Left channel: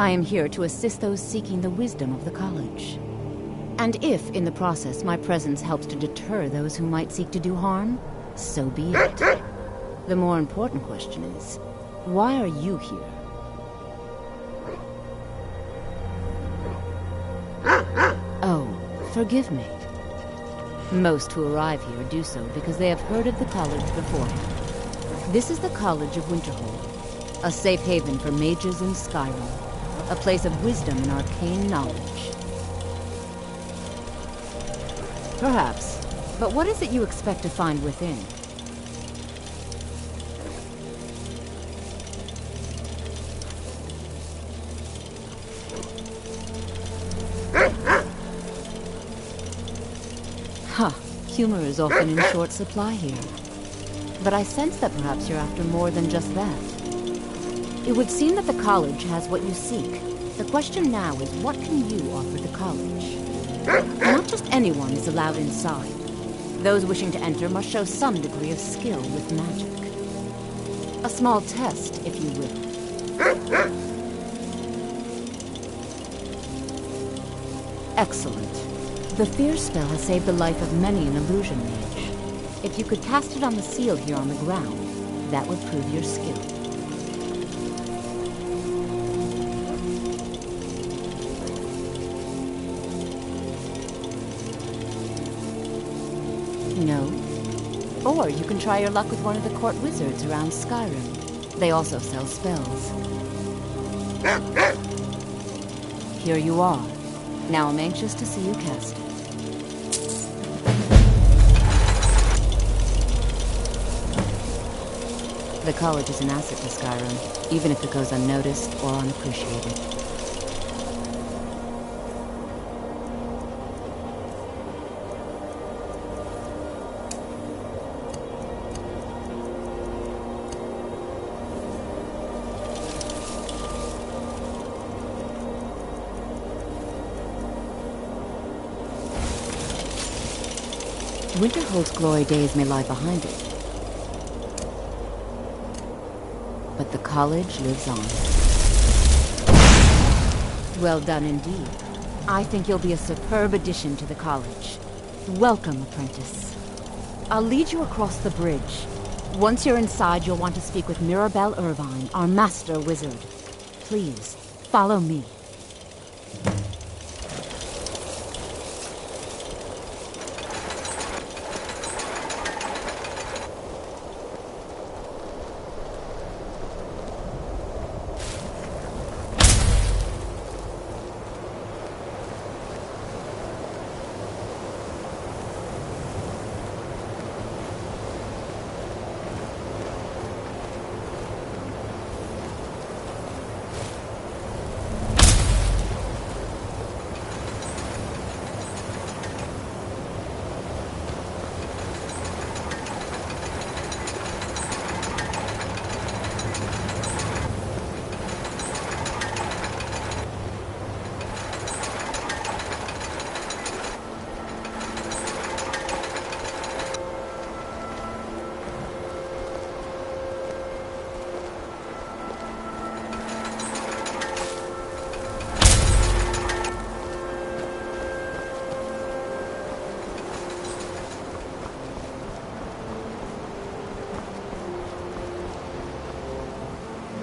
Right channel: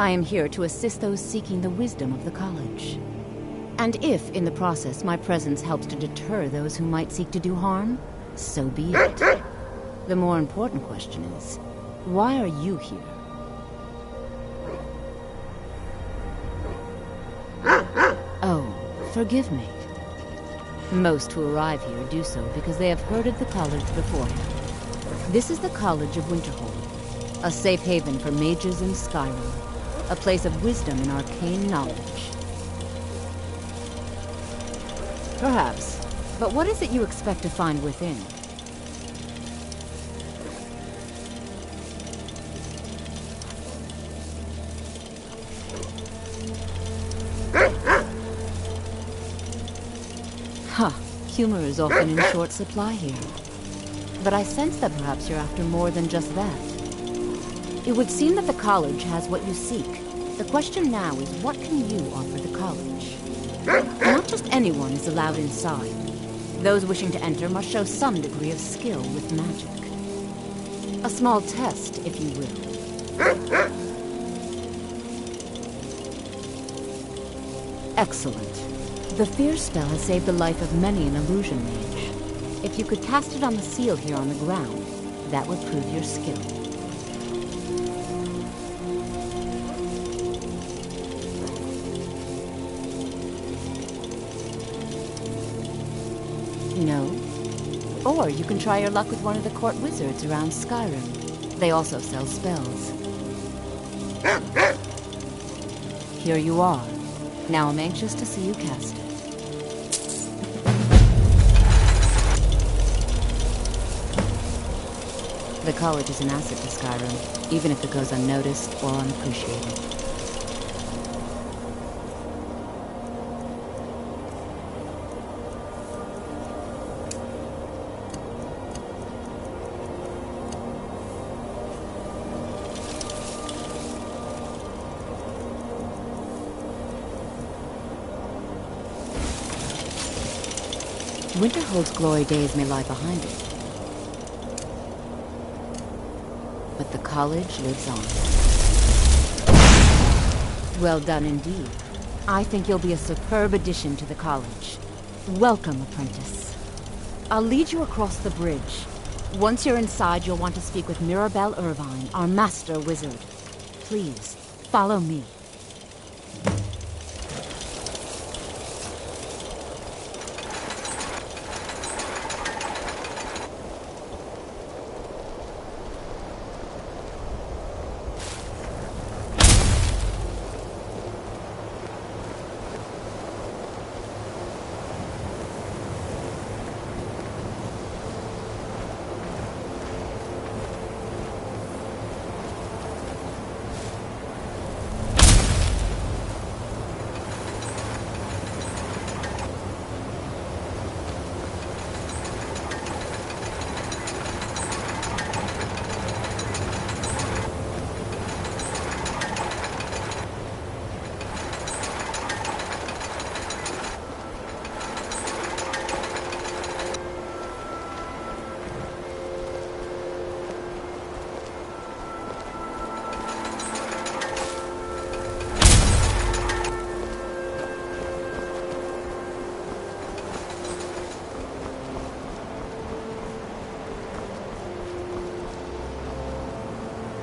I am here to assist those seeking the wisdom of the college. And if, in the process, my presence helps to deter those who might seek to do harm, so be it. The more important question is, why are you here? Oh, forgive me. Most who arrive here do so because they have heard of the college beforehand. This is the College of Winterhold, a safe haven for mages in Skyrim, a place of wisdom and arcane knowledge. Perhaps, but what is it you expect to find within? Huh, humor is often in short supply here. But I sense that perhaps you're after more than just that. It would seem that the college has what you seek. The question now is, what can you offer the college? Not just anyone is allowed inside. Those wishing to enter must show some degree of skill with magic. A small test, if you will. Excellent. The fear spell has saved the life of many an illusion mage. If you could cast it on the seal here on the ground, that would prove your skill. No? Or you can try your luck with one of the court wizards around Skyrim. They also sell spells. Here you are. Now I'm anxious to see you cast it. The college is an asset to Skyrim, even if it goes unnoticed or unappreciated. Winterhold's glory days may lie behind it, but the college lives on. Well done indeed. I think you'll be a superb addition to the college. Welcome, apprentice. I'll lead you across the bridge. Once you're inside, you'll want to speak with Mirabelle Irvine, our master wizard. Please, follow me.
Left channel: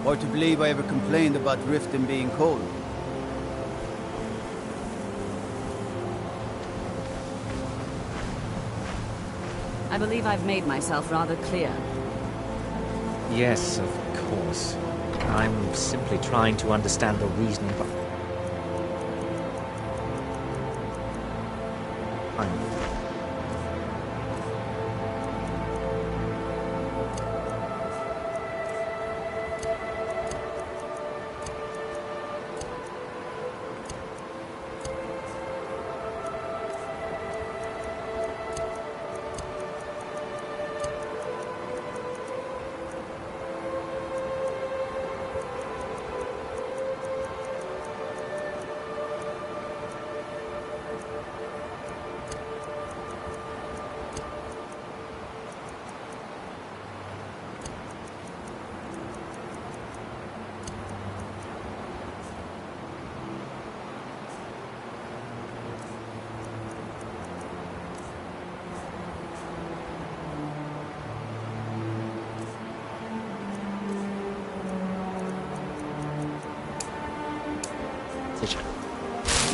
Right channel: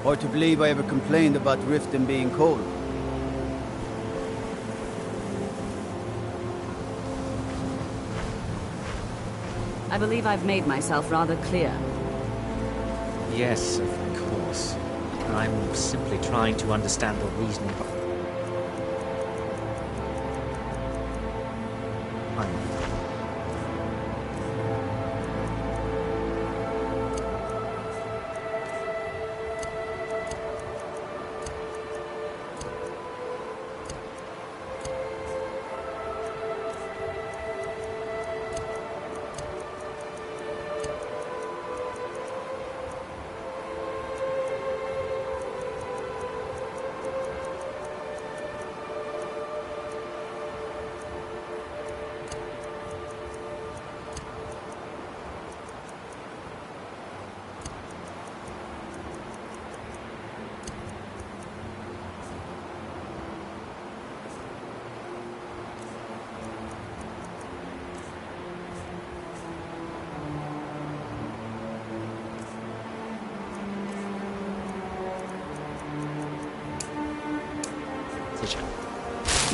Or to believe I ever complained about Riften being cold. I believe I've made myself rather clear. Yes, of course. I'm simply trying to understand the reasoning behind it. Fisher.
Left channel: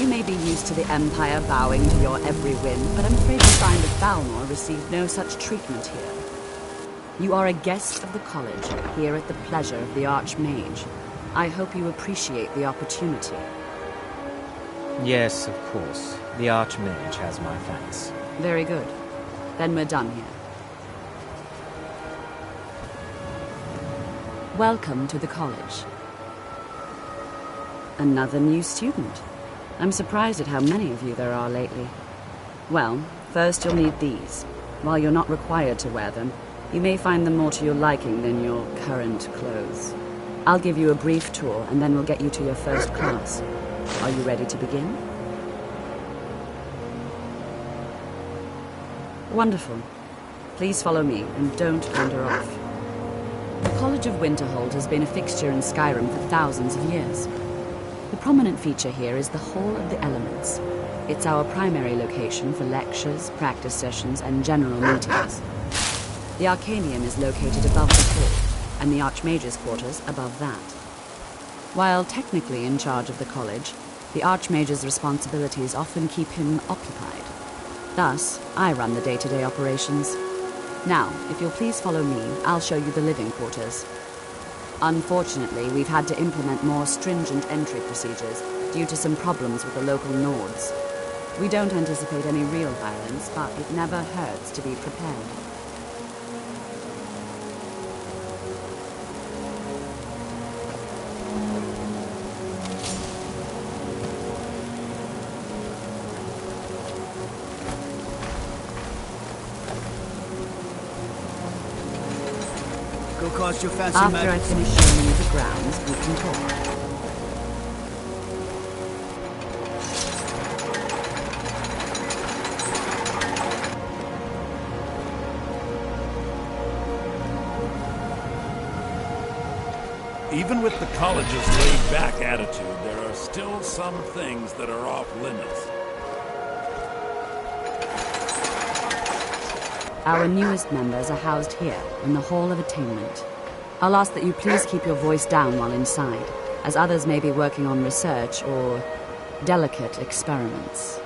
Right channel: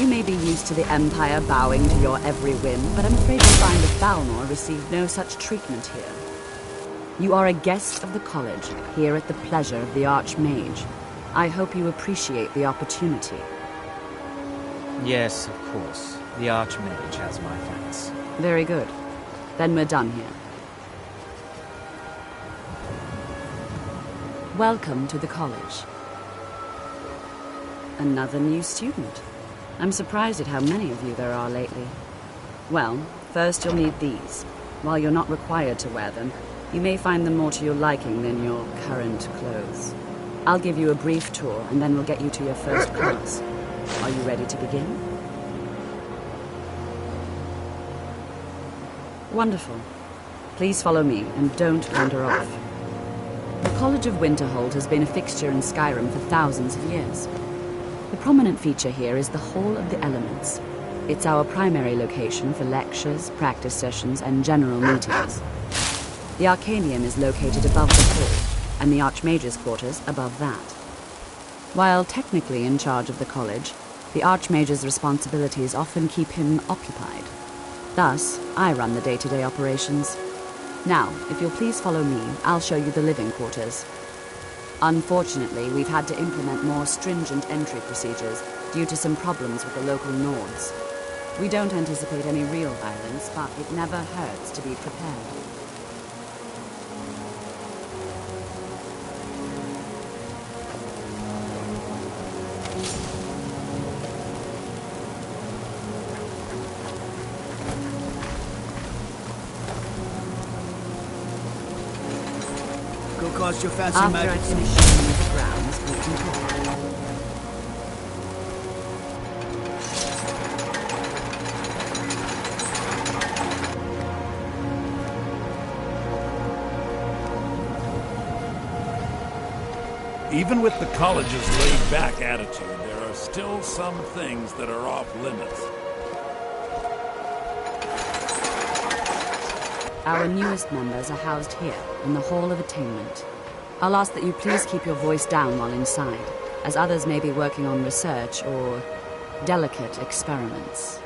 You may be used to the Empire bowing to your every whim, but I'm afraid you'll find that Balnor received no such treatment here. You are a guest of the college, here at the pleasure of the Archmage. I hope you appreciate the opportunity. Yes, of course. The Archmage has my thanks. Very good. Then we're done here. Welcome to the college. Another new student. I'm surprised at how many of you there are lately. Well, first you'll need these. While you're not required to wear them, you may find them more to your liking than your current clothes. I'll give you a brief tour, and then we'll get you to your first class. Are you ready to begin? Wonderful. Please follow me, and don't wander off. The College of Winterhold has been a fixture in Skyrim for thousands of years. The prominent feature here is the Hall of the Elements. It's our primary location for lectures, practice sessions, and general meetings. The Arcanium is located above the hall, and the Archmage's quarters above that. While technically in charge of the college, the Archmage's responsibilities often keep him occupied. Thus, I run the day-to-day operations. Now, if you'll please follow me, I'll show you the living quarters. Unfortunately, we've had to implement more stringent entry procedures due to some problems with the local Nords. We don't anticipate any real violence, but it never hurts to be prepared. Go cast your fancy After magic. I finish showing you the grounds, we can talk. Even with the college's laid-back attitude, there are still some things that are off limits. Our newest members are housed here, in the Hall of Attainment. I'll ask that you please keep your voice down while inside, as others may be working on research or delicate experiments.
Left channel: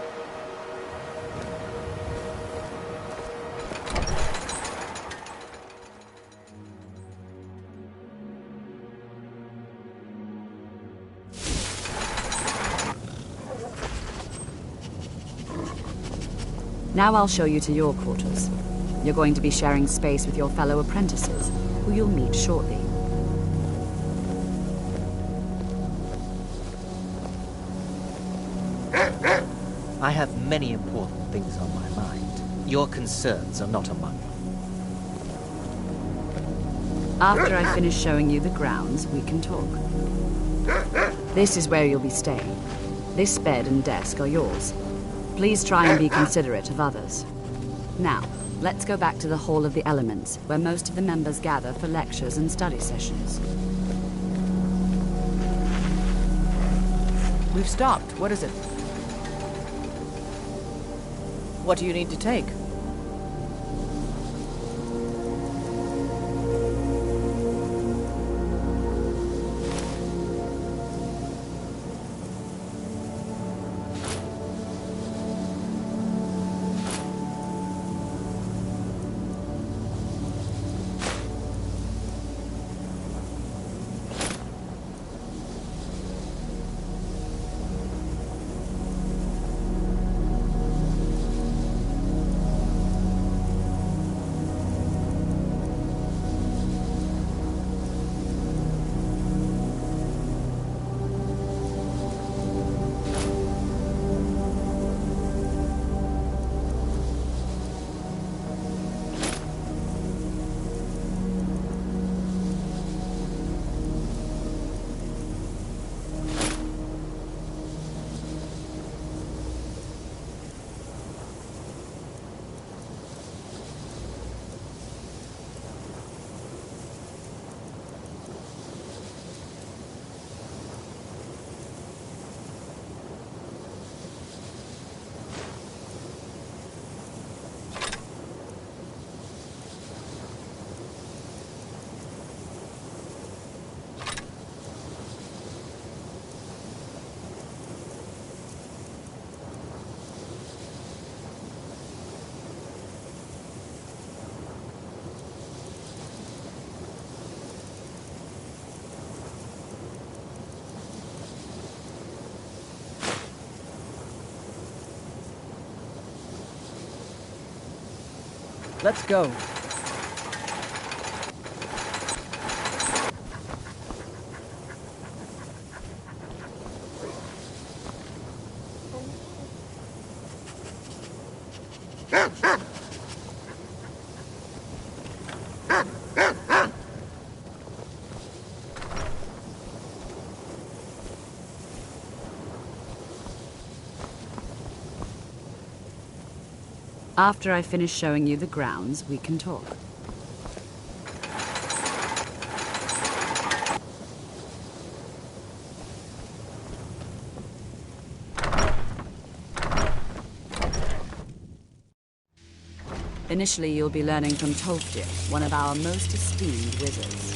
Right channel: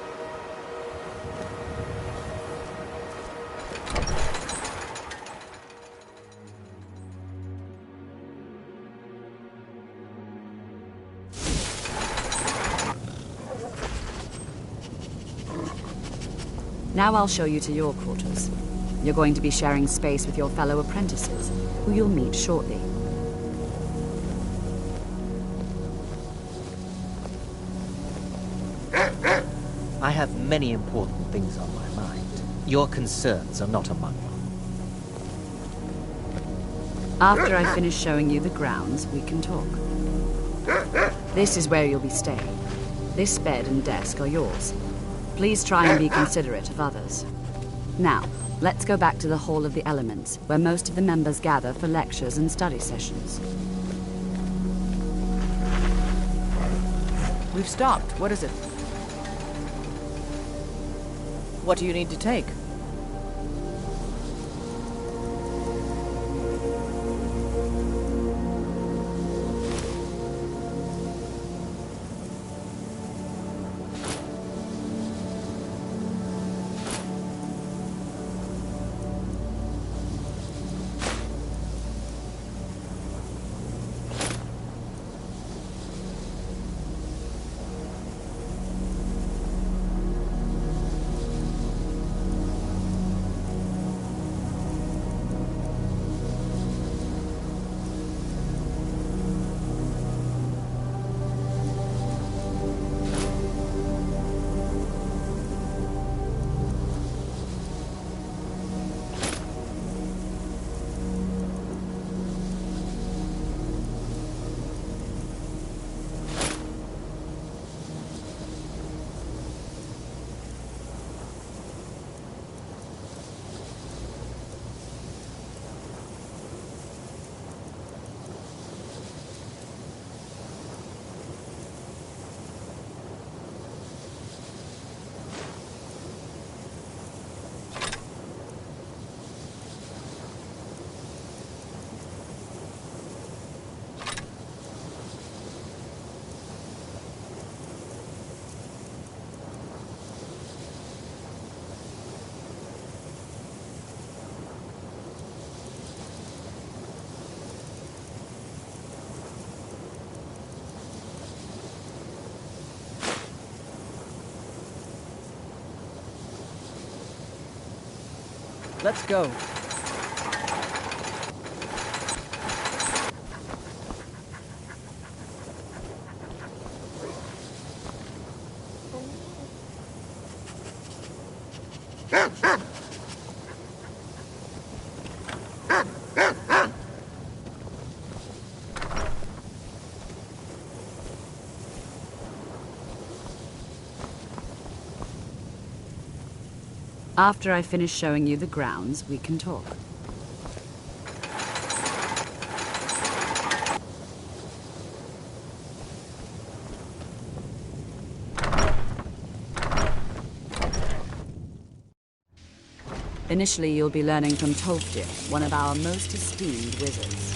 Now I'll show you to your quarters. You're going to be sharing space with your fellow apprentices, who you'll meet shortly. I have many important things on my mind. Your concerns are not among them. After I finish showing you the grounds, we can talk. This is where you'll be staying. This bed and desk are yours. Please try and be considerate of others. Now, let's go back to the Hall of the Elements, where most of the members gather for lectures and study sessions. We've stopped. What is it? What do you need to take? Let's go. After I finish showing you the grounds, we can talk. Initially, you'll be learning from Tolfdir, one of our most esteemed wizards.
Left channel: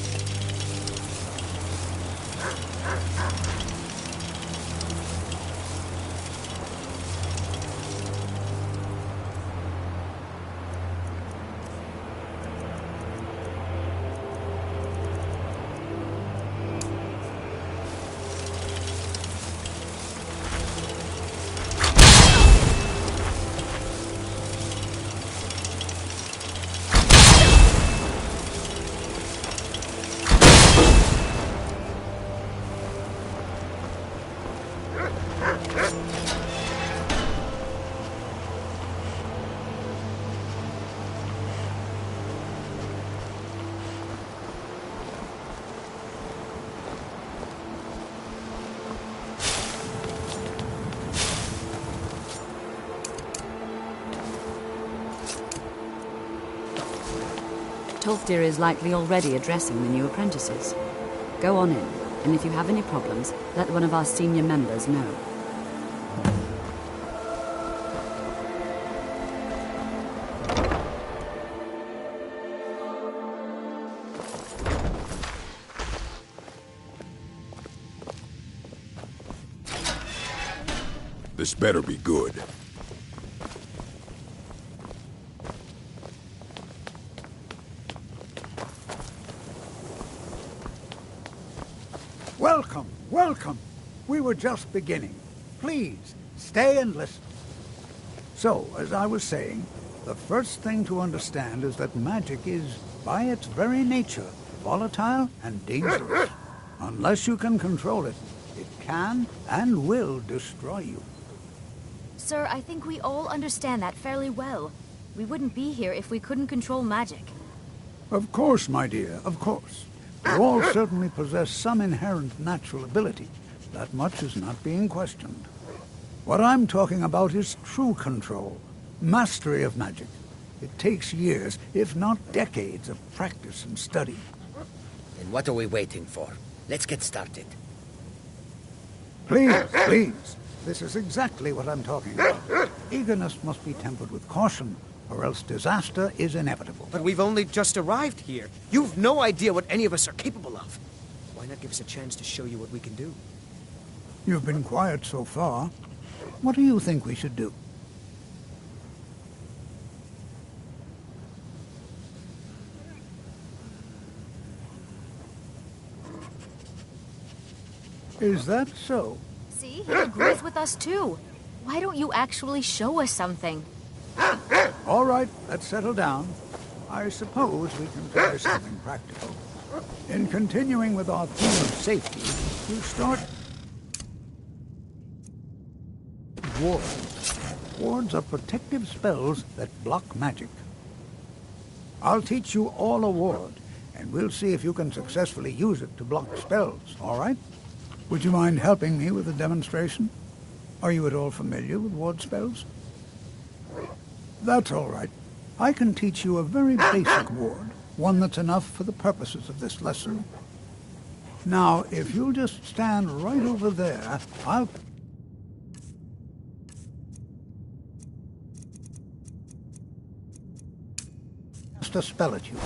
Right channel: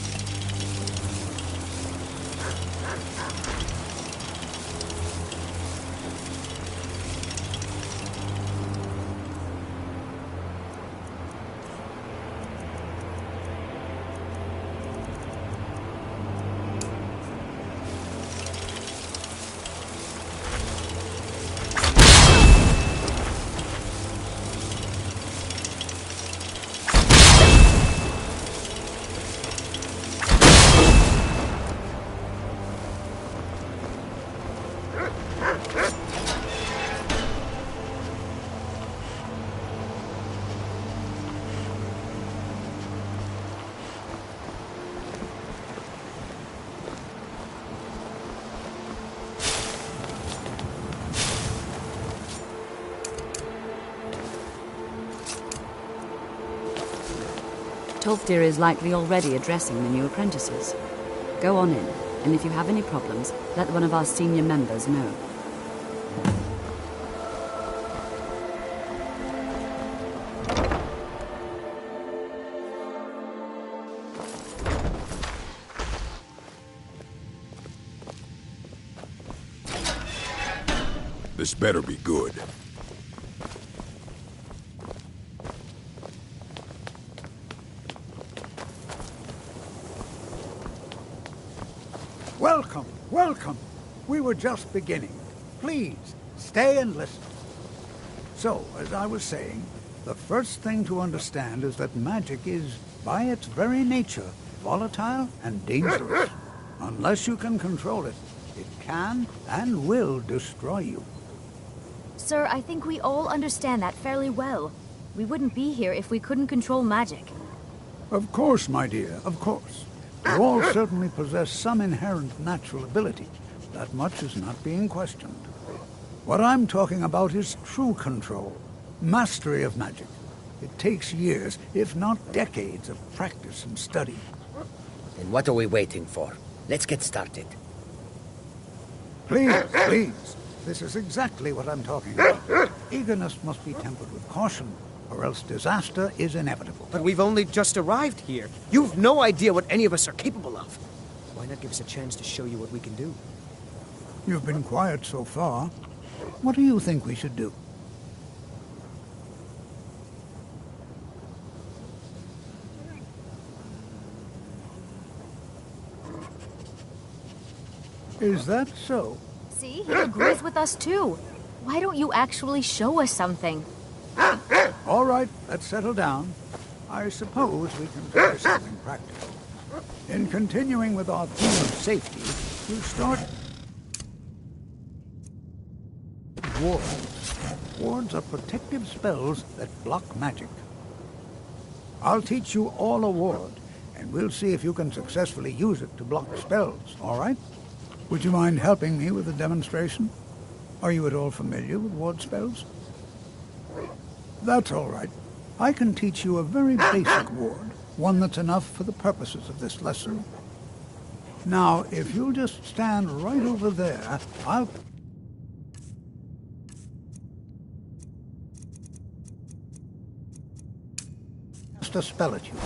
Tolfdir is likely already addressing the new apprentices. Go on in, and if you have any problems, let one of our senior members know. This better be good. Welcome, welcome. We were just beginning. Please, stay and listen. So, as I was saying, the first thing to understand is that magic is, by its very nature, volatile and dangerous. Unless you can control it, it can and will destroy you. Sir, I think we all understand that fairly well. We wouldn't be here if we couldn't control magic. Of course, my dear, of course. You all certainly possess some inherent natural ability. That much is not being questioned. What I'm talking about is true control, mastery of magic. It takes years, if not decades, of practice and study. Then what are we waiting for? Let's get started. Please, please. This is exactly what I'm talking about. Eagerness must be tempered with caution, or else disaster is inevitable. But we've only just arrived here. You've no idea what any of us are capable of. Why not give us a chance to show you what we can do? You've been quiet so far. What do you think we should do? Is that so? See, he agrees with us too. Why don't you actually show us something? All right, let's settle down. I suppose we can try something practical. In continuing with our theme of safety, we'll start... wards. Wards are protective spells that block magic. I'll teach you all a ward, and we'll see if you can successfully use it to block spells, all right? Would you mind helping me with the demonstration? Are you at all familiar with ward spells? That's all right. I can teach you a very basic ward, one that's enough for the purposes of this lesson. Now, if you'll just stand right over there, I'll... cast a spell at you.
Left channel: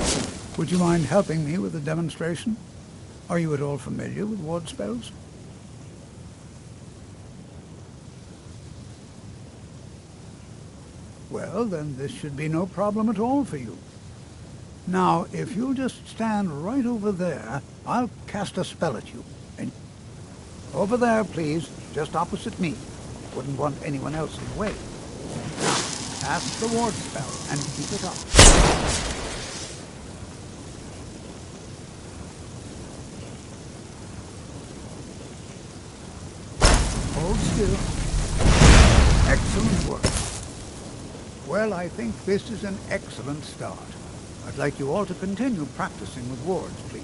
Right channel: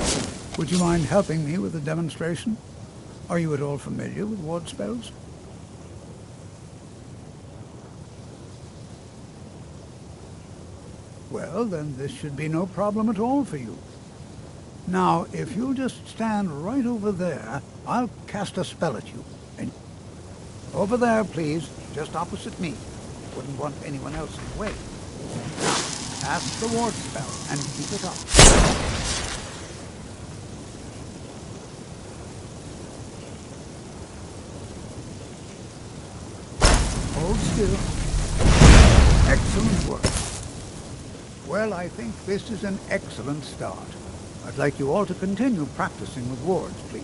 Would you mind helping me with the demonstration? Are you at all familiar with ward spells? Well, then this should be no problem at all for you. Now, if you'll just stand right over there, I'll cast a spell at you. And over there, please, just opposite me. Wouldn't want anyone else in the way. Now, Cast the ward spell and keep it up. Hold still. Excellent work. Well, I think this is an excellent start. I'd like you all to continue practicing with wards, please.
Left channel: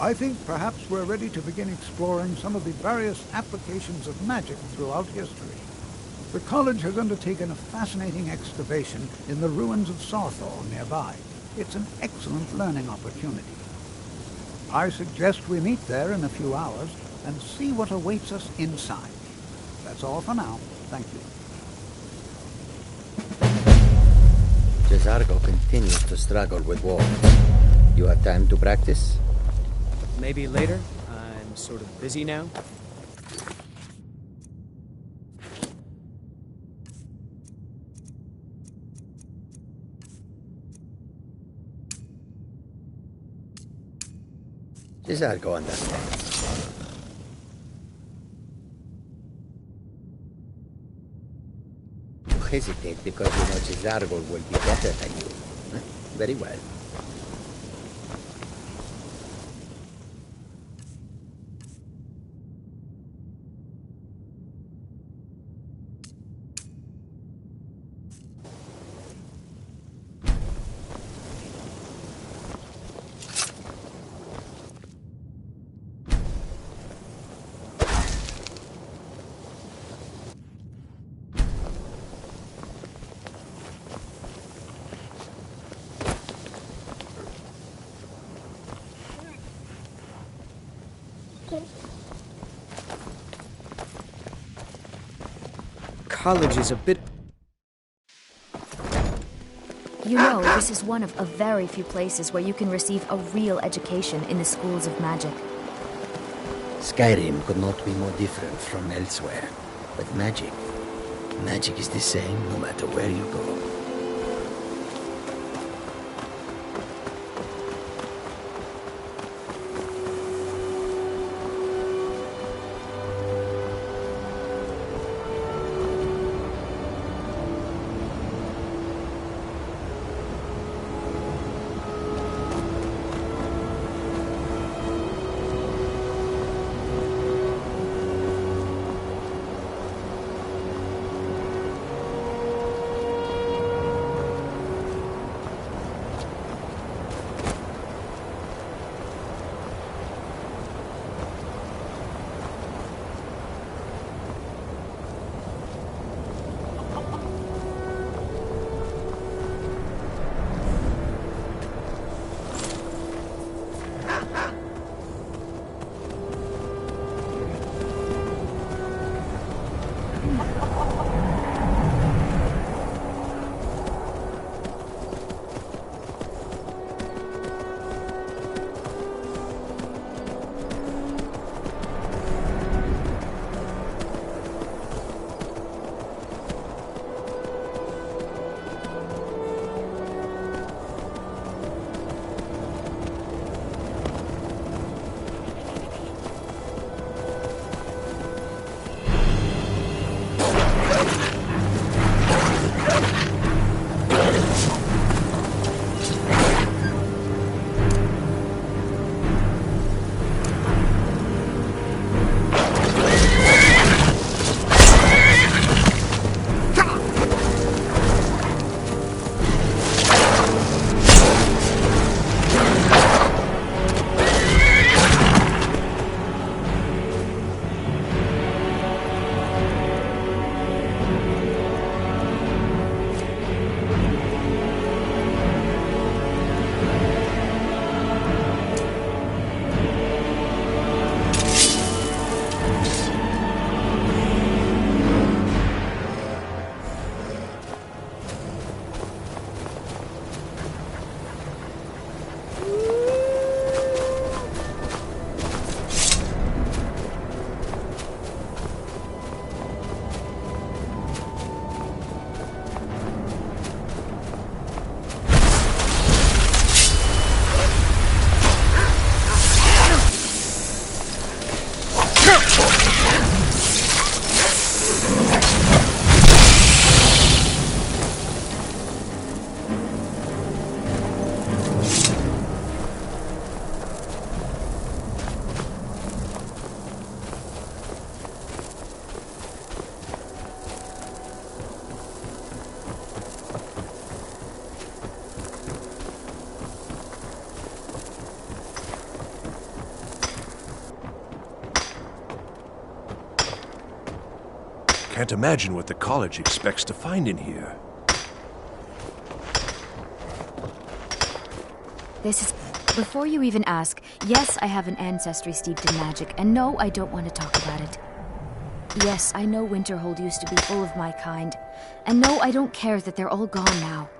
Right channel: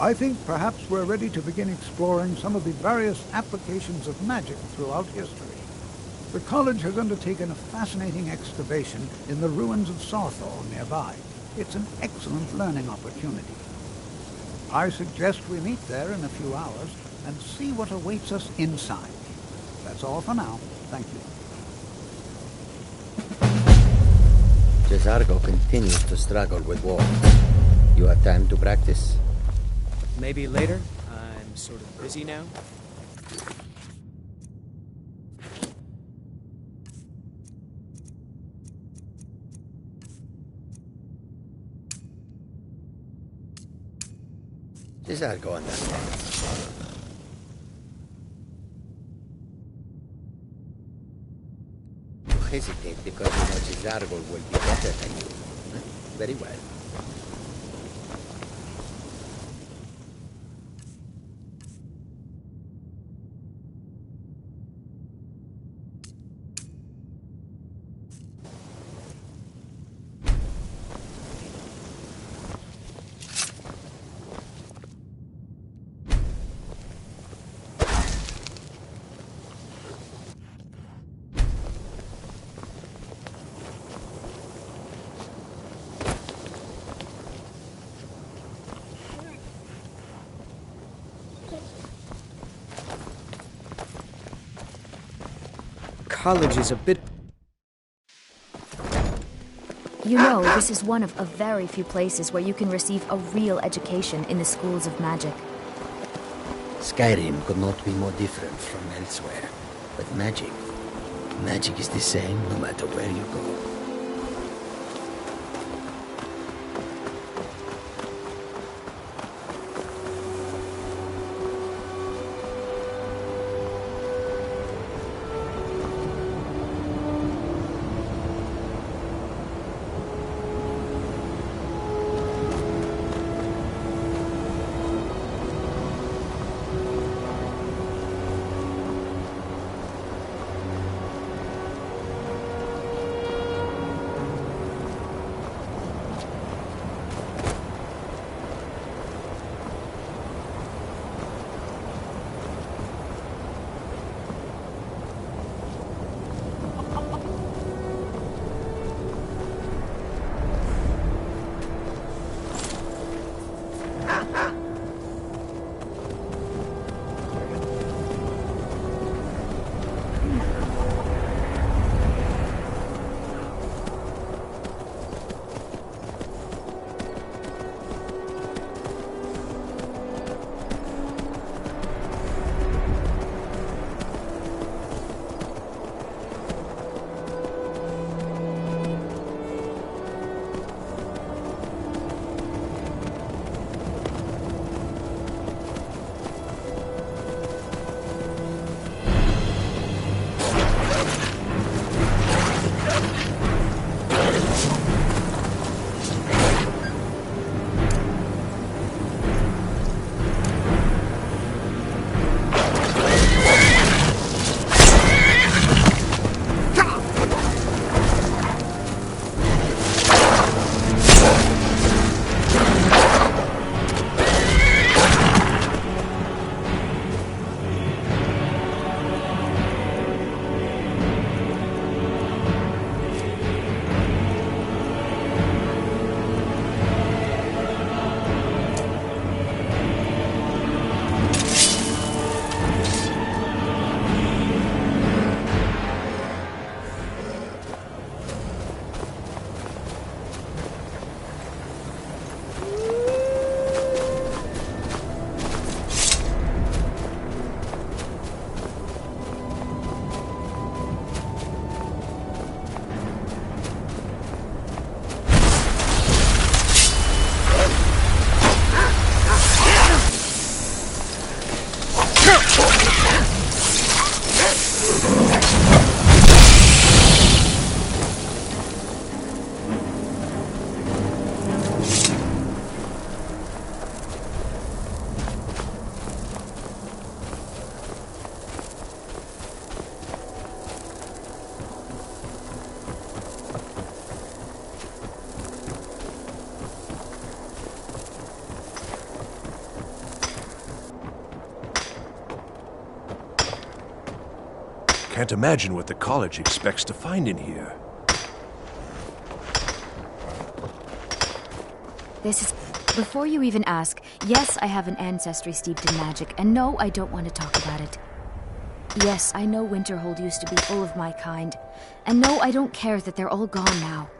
I think perhaps we're ready to begin exploring some of the various applications of magic throughout history. The college has undertaken a fascinating excavation in the ruins of Sawthall nearby. It's an excellent learning opportunity. I suggest we meet there in a few hours and see what awaits us inside. That's all for now. Thank you. Cesargo continues to struggle with wards. You have time to practice? Maybe later. I'm sort of busy now. Cesargo understands. You hesitate because you know Cesargo will be better than you. Very well. College is a bit... You know, this is one of a very few places where you can receive a real education in the schools of magic. Skyrim could not be more different from elsewhere. But magic is the same no matter where you go. Can't imagine what the college expects to find in here. This is... Before you even ask, yes, I have an ancestry steeped in magic, and no, I don't want to talk about it. Yes, I know Winterhold used to be full of my kind, and no, I don't care that they're all gone now.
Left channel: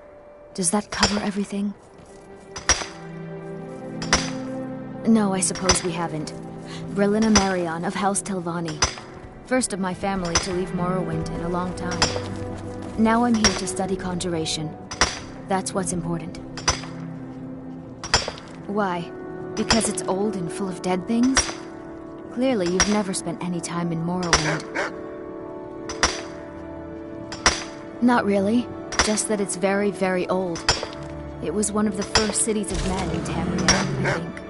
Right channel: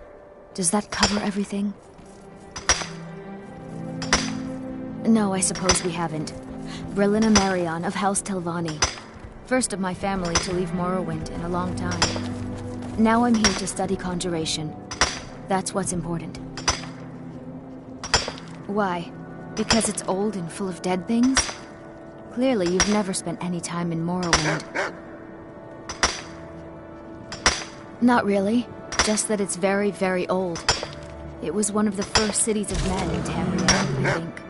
Does that cover everything? No, I suppose we haven't. Brelina Marion of House Telvanni. First of my family to leave Morrowind in a long time. Now I'm here to study conjuration. That's what's important. Why? Because it's old and full of dead things? Clearly, you've never spent any time in Morrowind. Not really. Just that it's very, very old. It was one of the first cities of men in Tamriel, I think.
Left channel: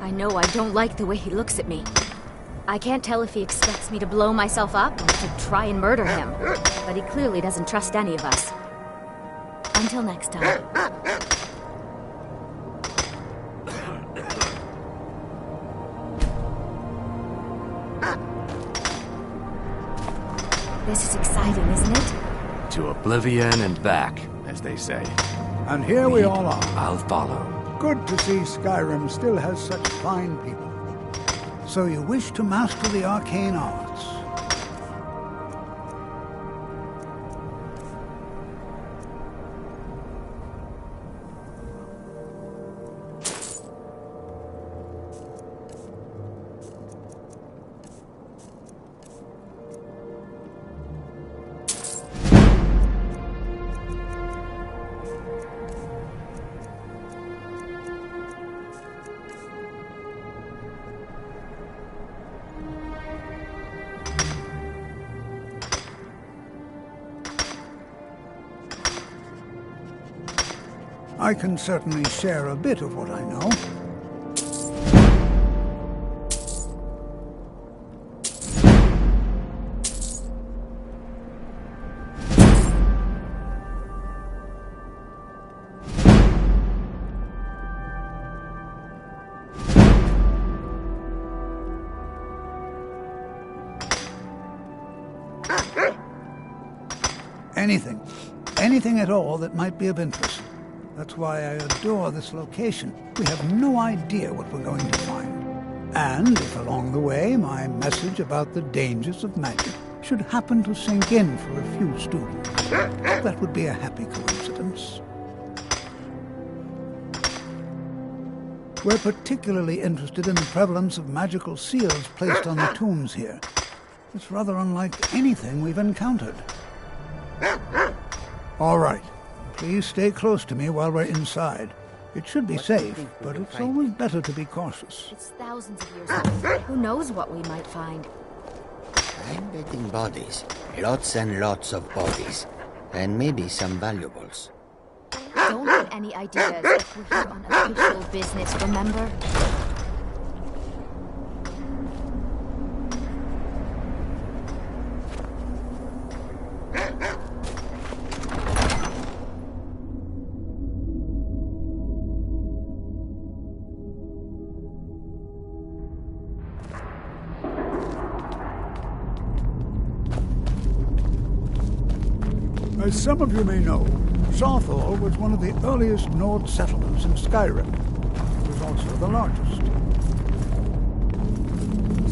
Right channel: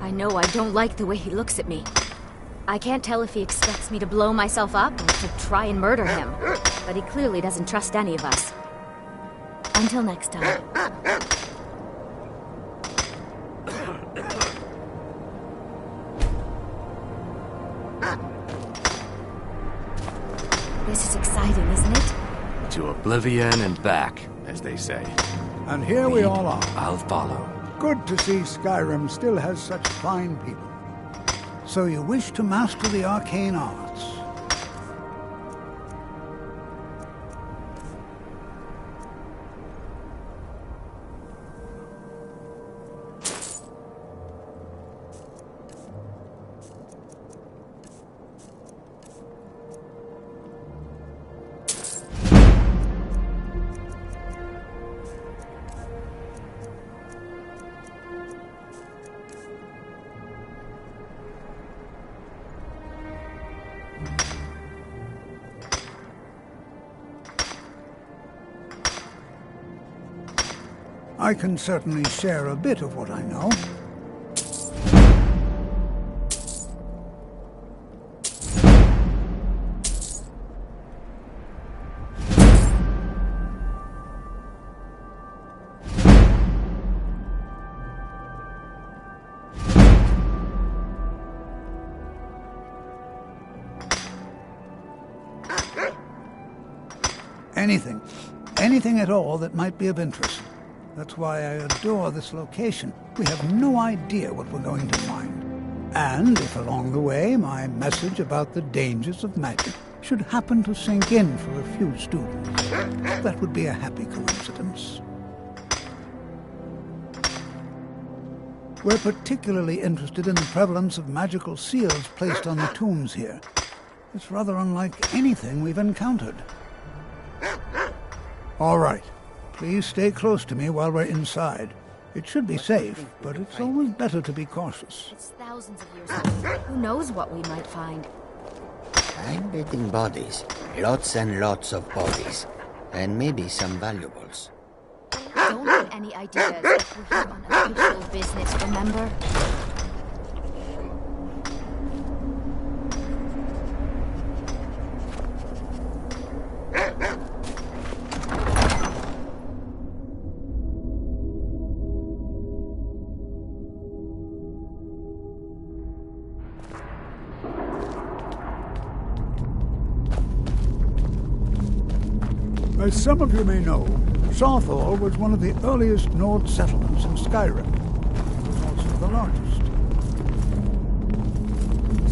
I know I don't like the way he looks at me. I can't tell if he expects me to blow myself up or to try and murder him. But he clearly doesn't trust any of us. Until next time. This is exciting, isn't it? To oblivion and back, as they say. And here we all are. I'll follow. Good to see Skyrim still has such fine people. So you wish to master the arcane arts? I can certainly share a bit of what I know. Anything at all that might be of interest. That's why I adore this location. We have no idea what we're going to find. And if along the way my message about the dangers of magic should happen to sink in for a few students, that would be a happy coincidence. We're particularly interested in the prevalence of magical seals placed on the tombs here. It's rather unlike anything we've encountered. All right. Please stay close to me while we're inside. It should be safe, but it's always better to be cautious. It's thousands of years old. Who knows what we might find? I'm betting bodies. Lots and lots of bodies. And maybe some valuables. Don't get any ideas. We're here on official business, remember? As some of you may know, Southall was one of the earliest Nord settlements in Skyrim. It was also the largest.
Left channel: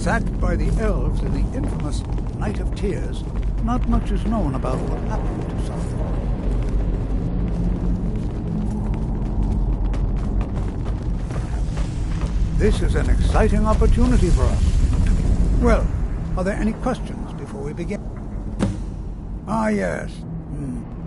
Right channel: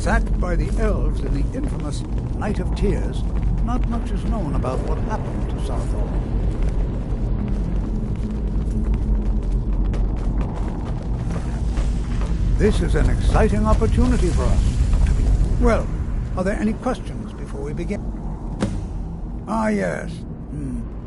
Sacked by the elves in the infamous Night of Tears, not much is known about what happened to Southall. This is an exciting opportunity for us. Well, are there any questions before we begin? Ah, yes.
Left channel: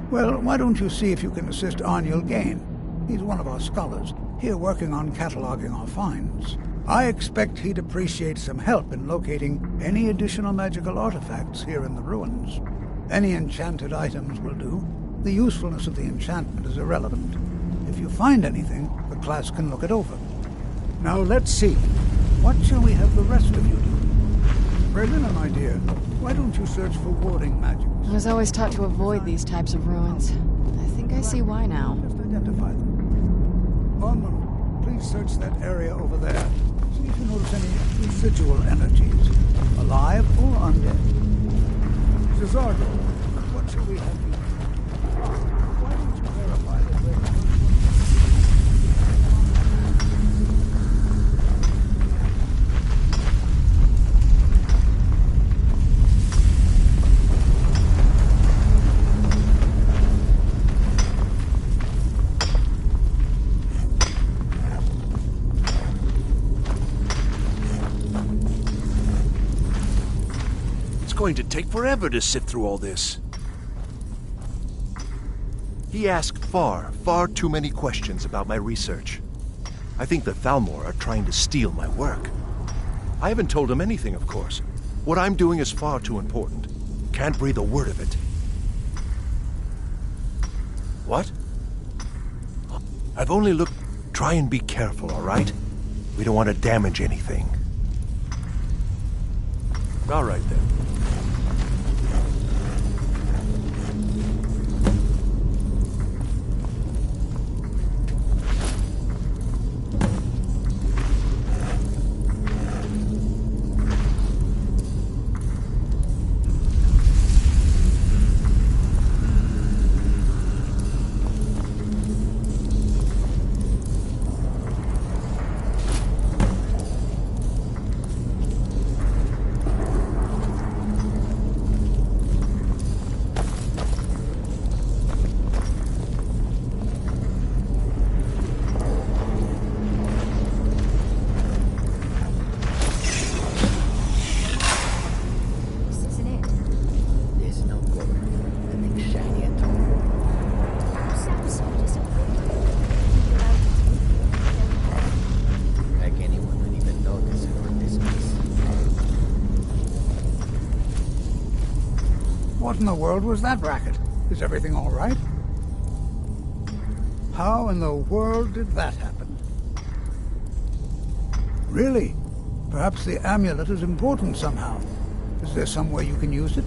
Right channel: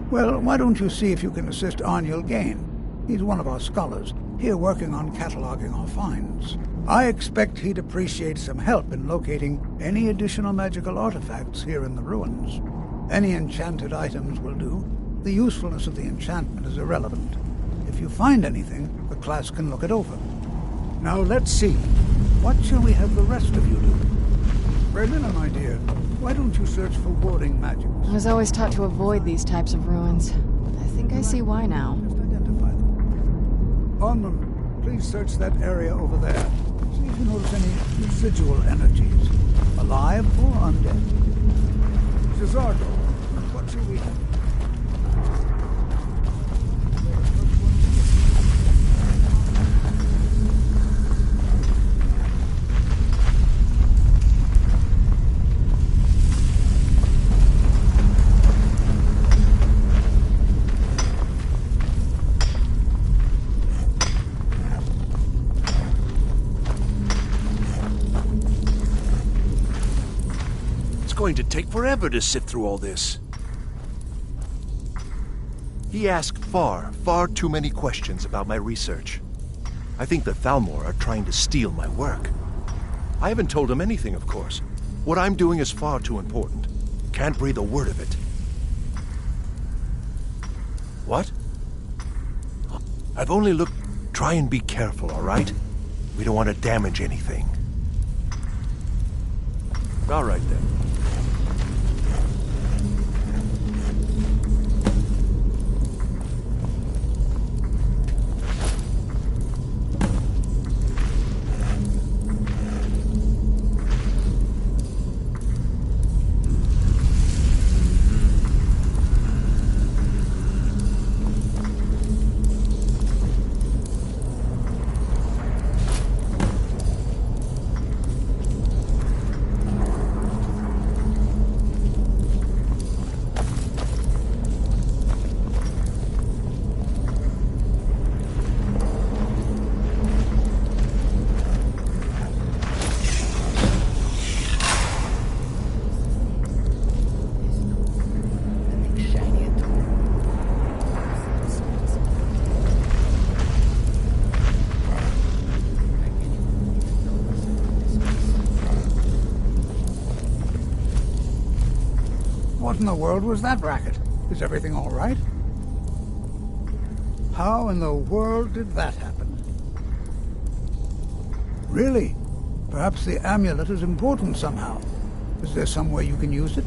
Well, why don't you see if you can assist Arniel Gain? He's one of our scholars, here working on cataloging our finds. I expect he'd appreciate some help in locating any additional magical artifacts here in the ruins. Any enchanted items will do. The usefulness of the enchantment is irrelevant. If you find anything, the class can look it over. Now let's see. What shall we have the rest of you do? Brelina, my dear, why don't you search for warding magics? I was always taught to avoid these types of ruins. I think I see why now. Just identify them. Onmund, please search that area over there. See if you notice any residual energies, alive or undead. Cesardo, what shall we have you? Why don't you verify that we're the first ones? It's going to take forever to sift through all this. He asked far too many questions about my research. I think the Thalmor are trying to steal my work. I haven't told him anything, of course. What I'm doing is far too important. Can't breathe a word of it. What? I've only looked... Try and be careful, all right? We don't want to damage anything. All right, then. What in the world was that racket? Is everything all right? How in the world did that happen? Really? Perhaps the amulet is important somehow. Is there some way you can use it?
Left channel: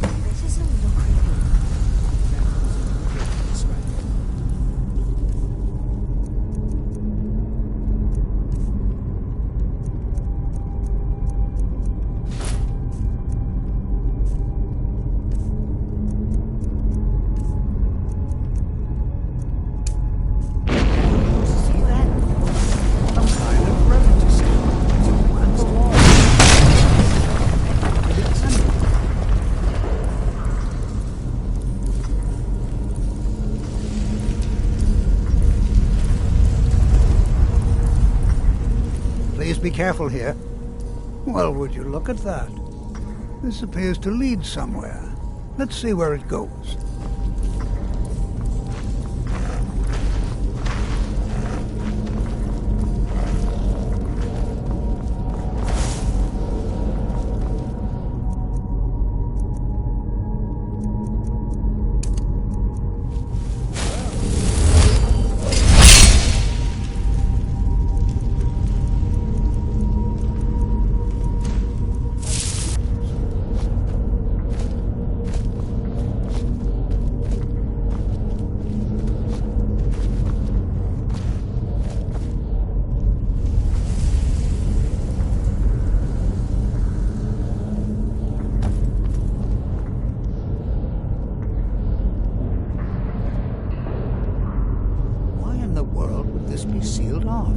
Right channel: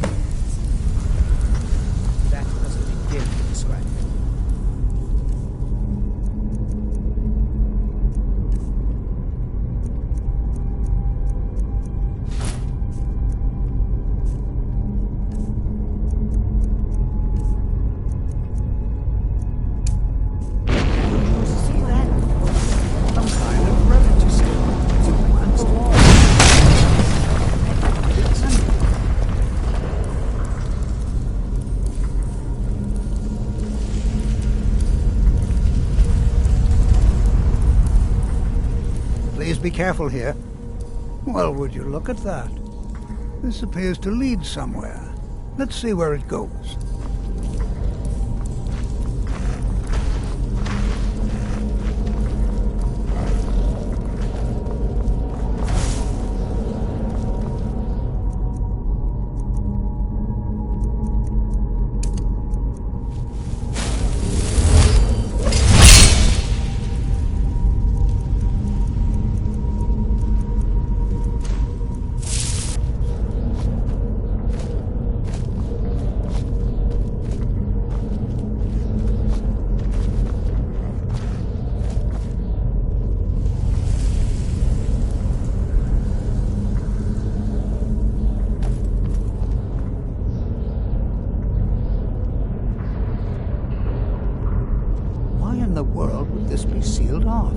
This is a little creepy. That was a big deal to describe. Please be careful here. Well, would you look at that? This appears to lead somewhere. Let's see where it goes. Why in the world would this be sealed off?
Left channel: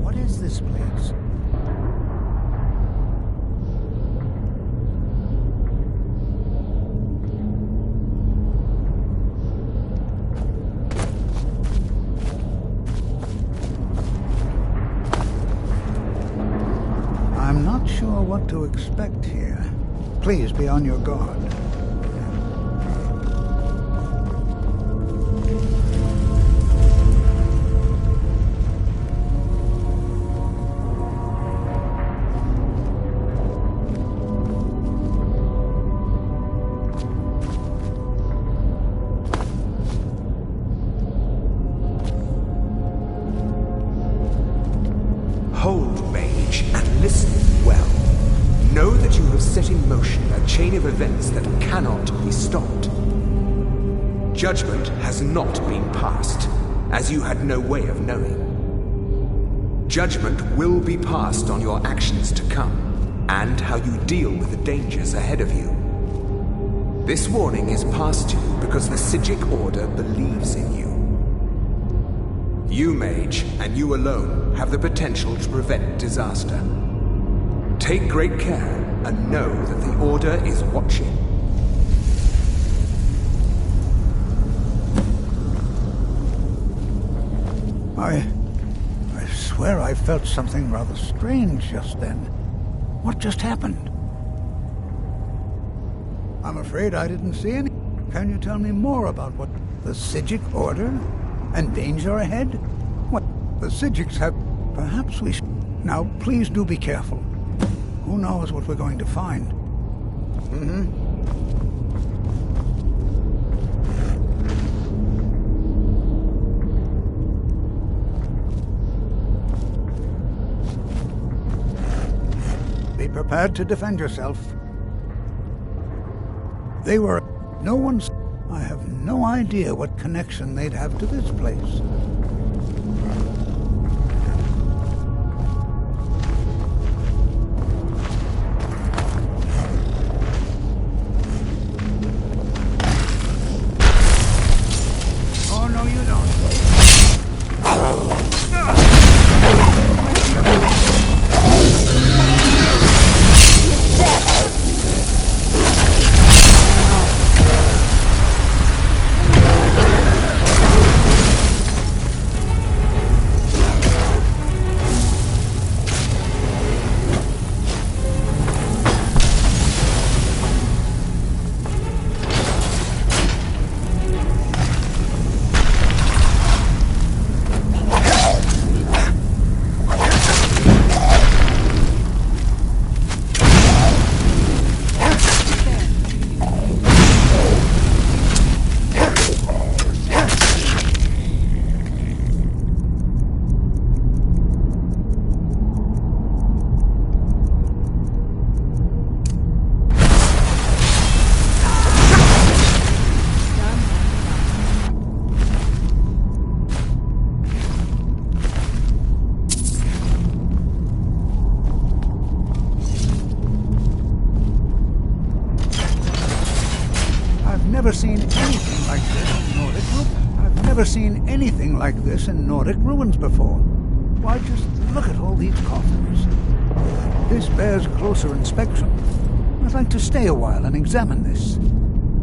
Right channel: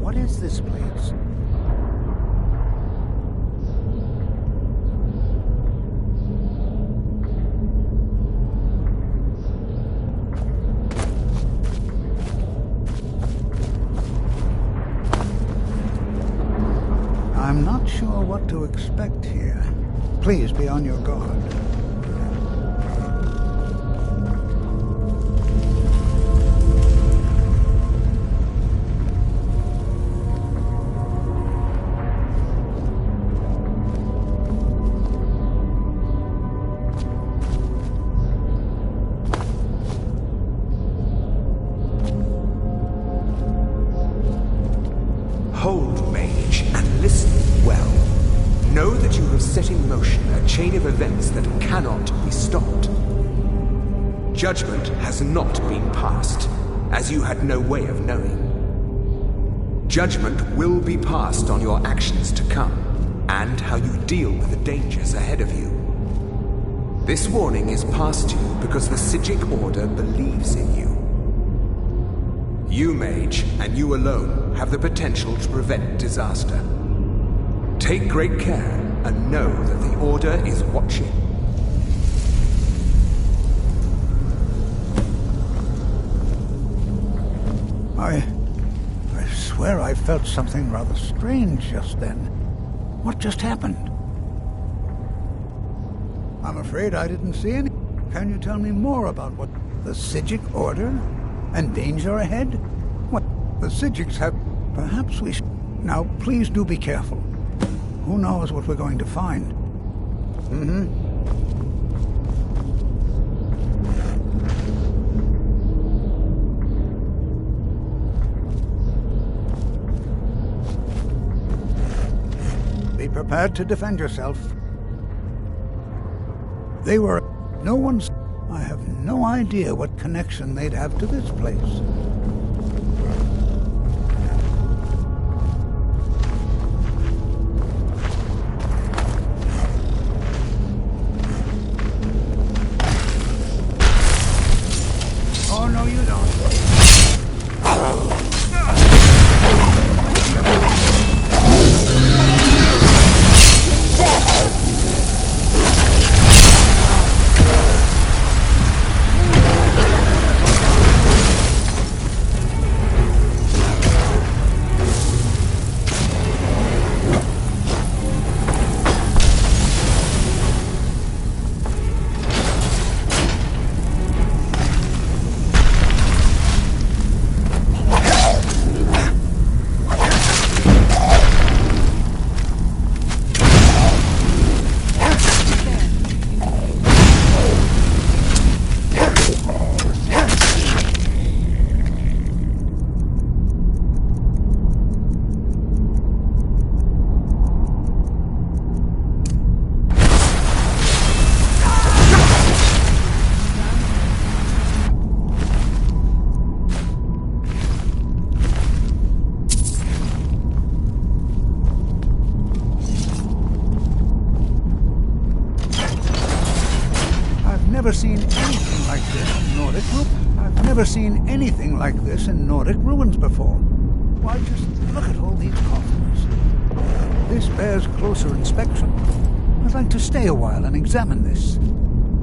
What is this place? I'm not sure what to expect here. Please be on your guard. Hold, mage, and listen well. Know that you have set in motion a chain of events that cannot be stopped. Judgment has not been passed, as you had no way of knowing. Judgment will be passed on your actions to come, and how you deal with the dangers ahead of you. This warning is passed to you because the Psijic Order believes in you. You, Mage, and you alone, have the potential to prevent disaster. Take great care and know that the Order is watching. I swear I felt something rather strange just then. What just happened? I'm afraid I didn't see any. Can you tell me more about what the Psijic Order and danger ahead? What the Psijics have... Perhaps we should... Now, please do be careful. Who knows what we're going to find? Be prepared to defend yourself. They were... No one's... I have no idea what connection they'd have to this place. Oh, no, you don't. Never seen anything like this in Nordic ruins. I've never seen anything like this in Nordic ruins before. Why, just look at all these coffins. This bears closer inspection. I'd like to stay a while and examine this.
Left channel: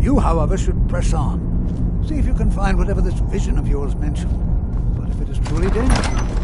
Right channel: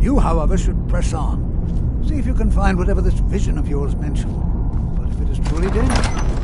You, however, should press on. See if you can find whatever this vision of yours mentioned. But if it is truly dangerous...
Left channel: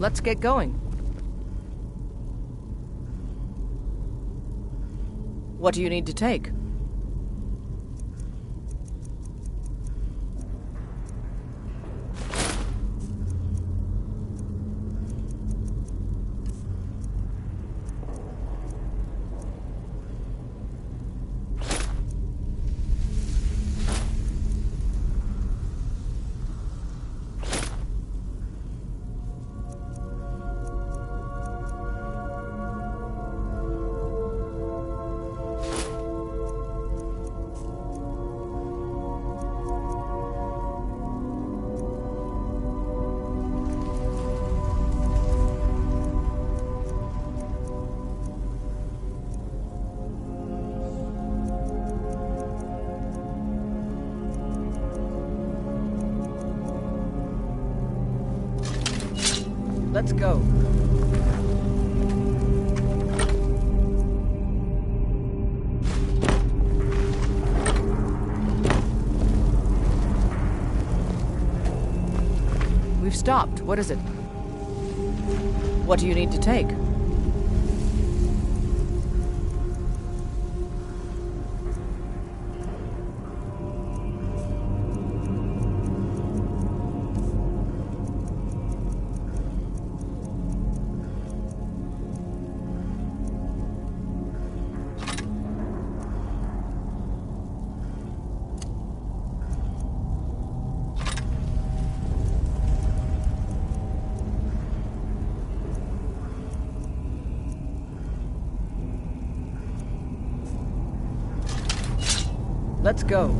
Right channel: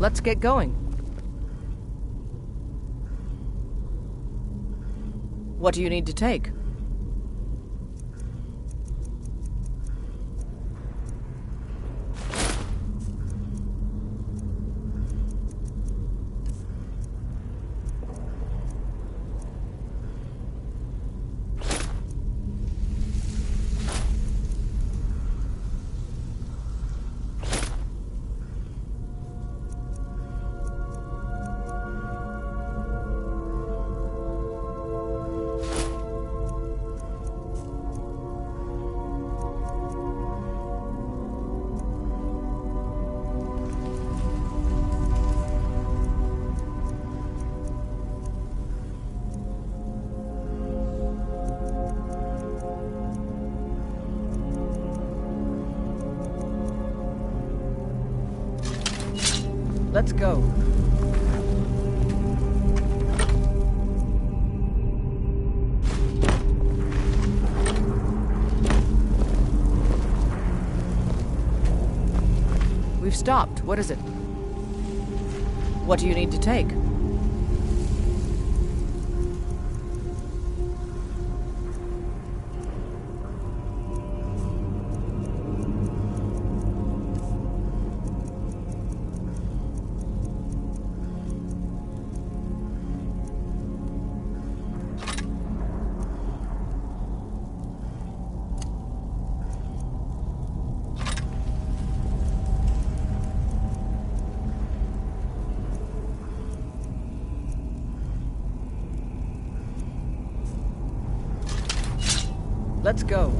Let's get going. What do you need to take? Let's go. We've stopped. What is it? What do you need to take? Let's go.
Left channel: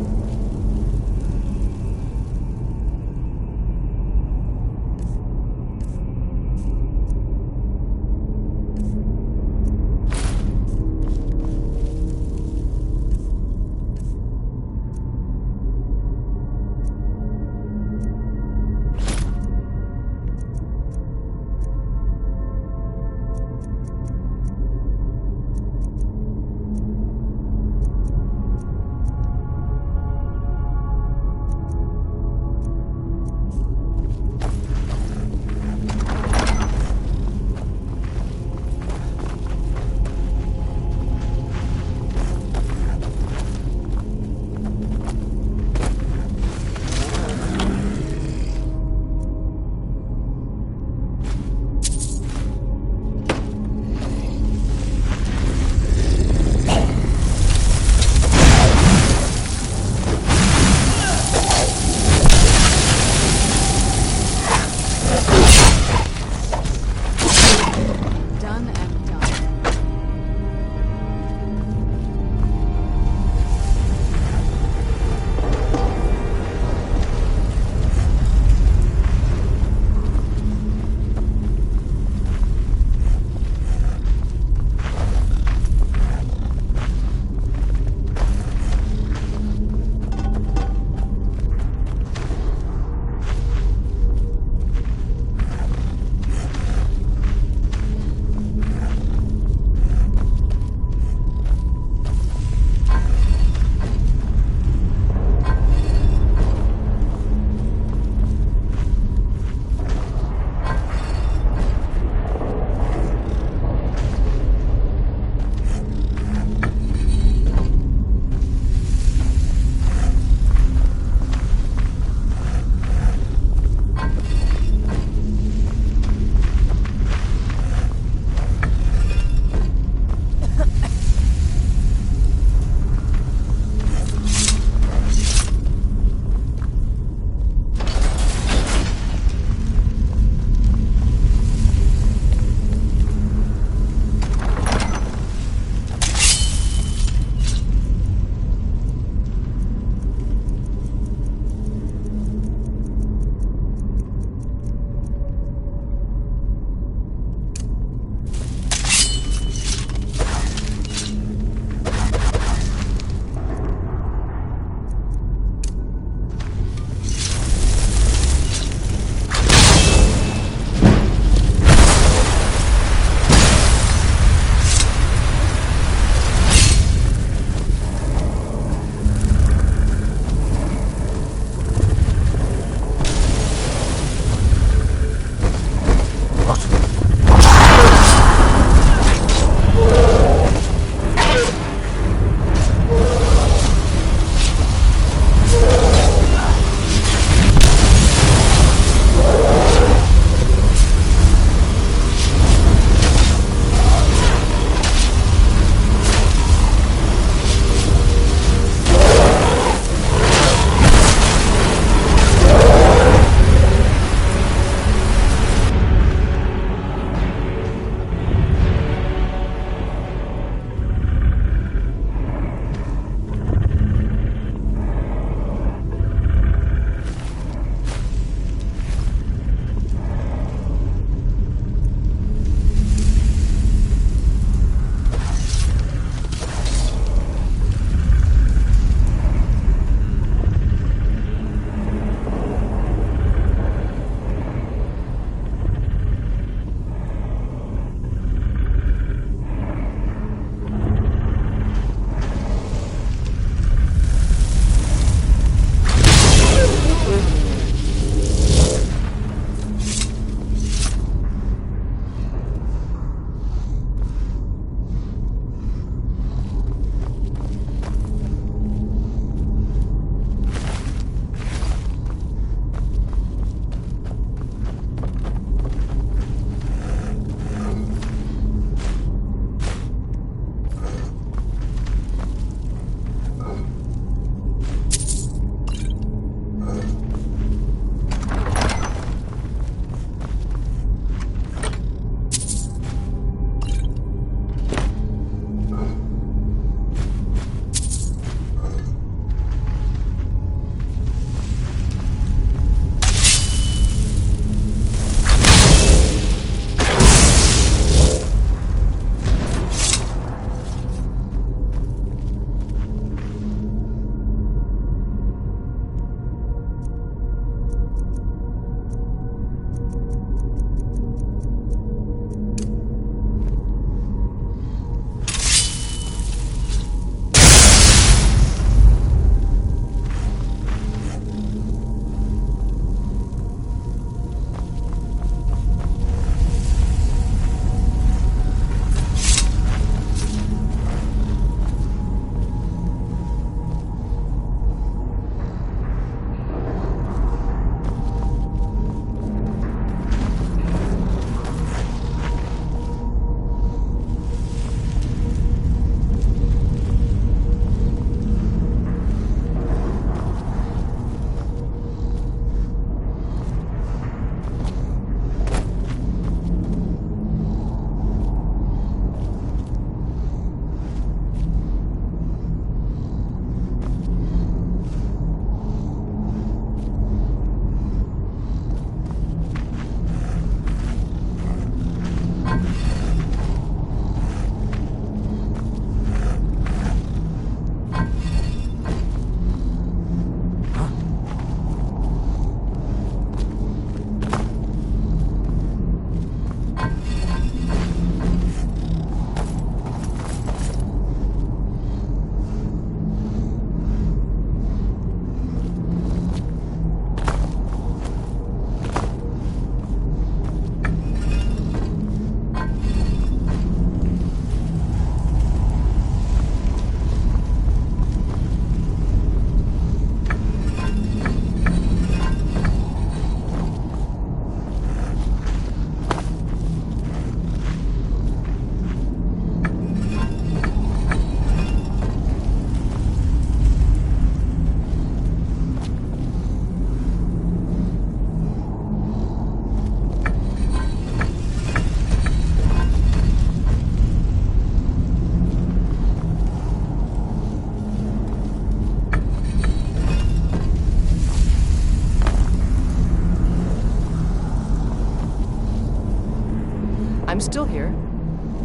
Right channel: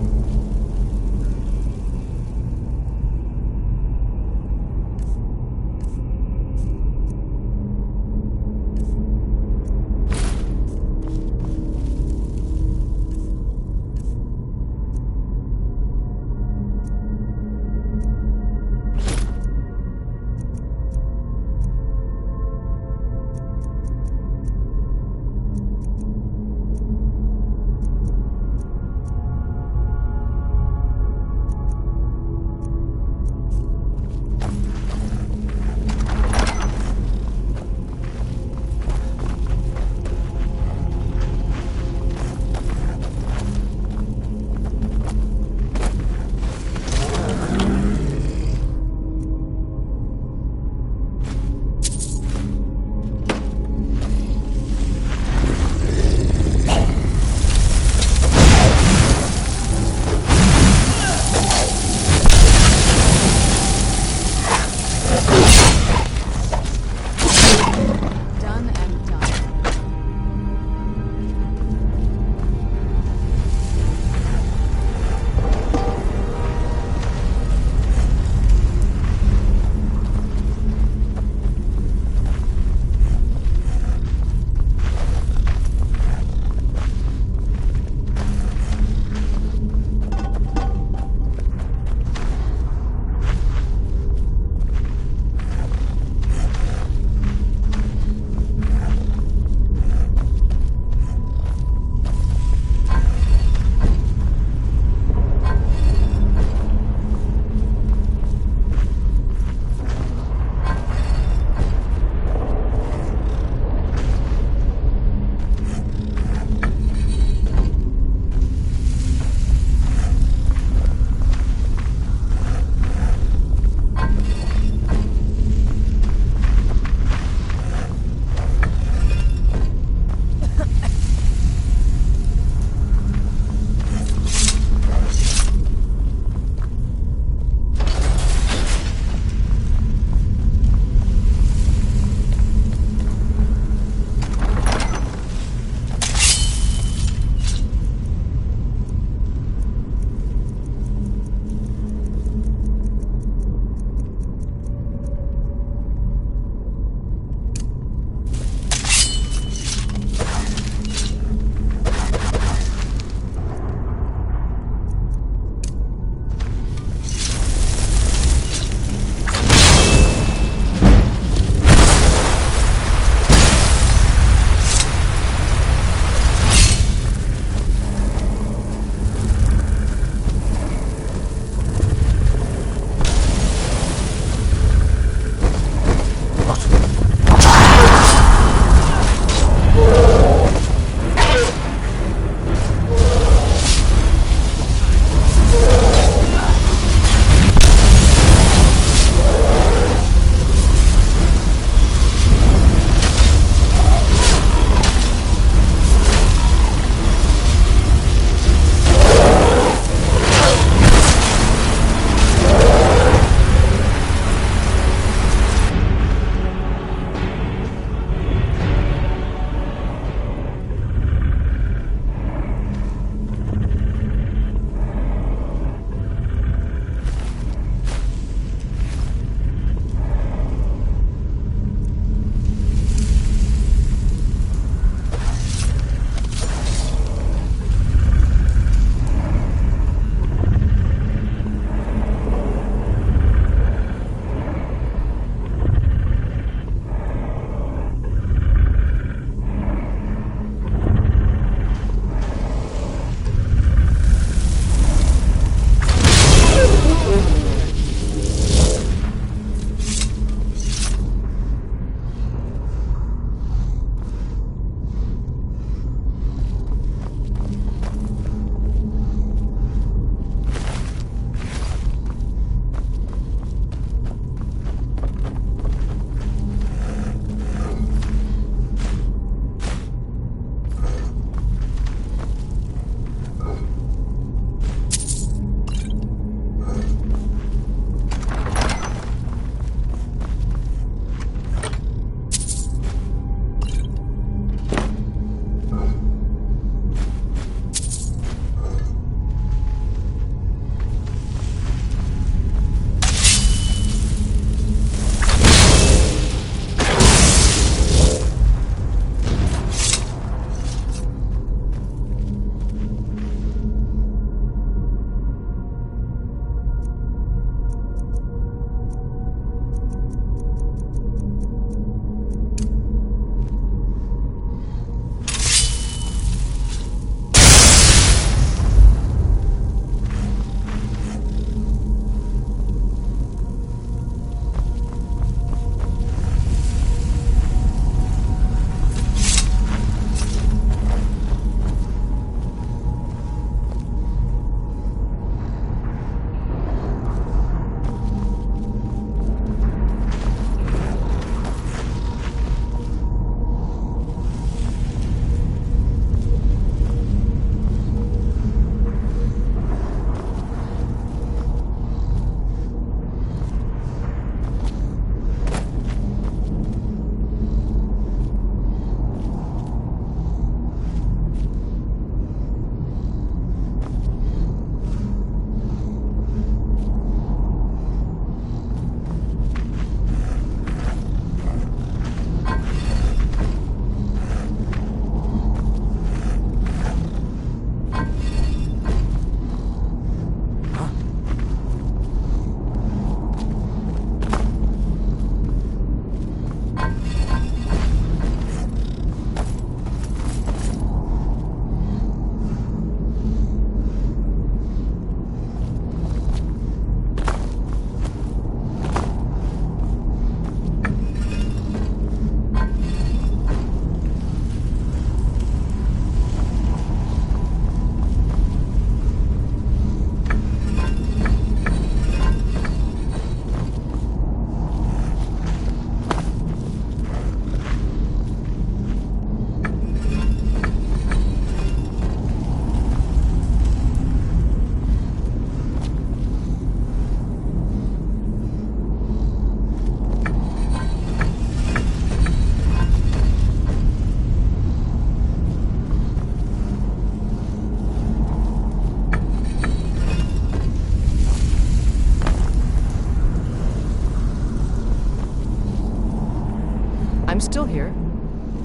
I'm still here.